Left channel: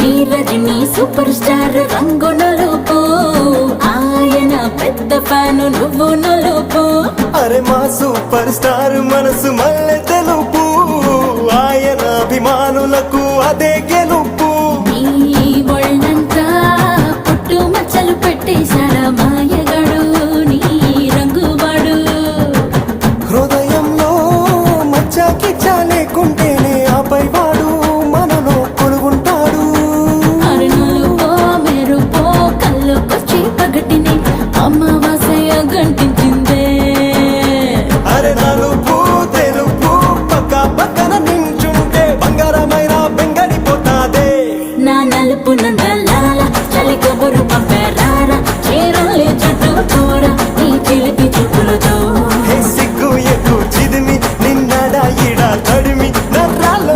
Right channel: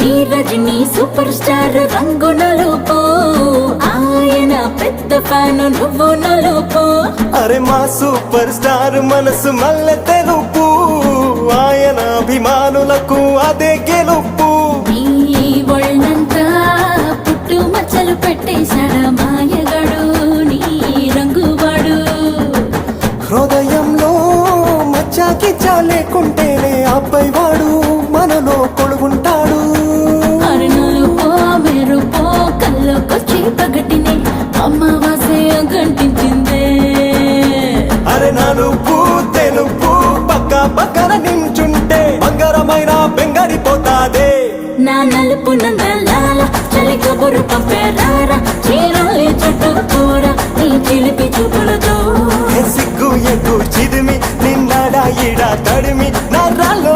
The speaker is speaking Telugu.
నీ రజనీ సూపర్ స్టార్ రంగు నలుపు, ఆయన పెద్ద ఫ్యాను నువ్వు నలుపు. అరే మా సూపర్ స్టార్ మనసు మల్లె తెలుపు, ఆయన అభిమానులకు అదే గెలుపు. నీ ఒళ్ళంతా పుట్టు మచ్చలు పెట్టేశాడా మాయగాడు నీ రంగువాడు. హృదయంలో మచ్చాకి చాలేకుంటేనే ఆపై వాడు మనలో పొడుగుంటాడు. అరుణులుపో మెరుపో కళ్ళకొచ్చి పగటిని అమావాస్య గంటించిందే. అరే నలుపు తెలుపు పక్క పక్కన నించుంటే బంగారమైన బెంగడిపోతాదే. నా నలుపు నందలాల చలి కబురు పంపారా, చీరల్లి చుట్టూ కూర నీ చిలిపి చూపులతో. సిగ్గు ఎగ్గు చిదిమి నిన్నడా ఎడా తడిమి నరాలో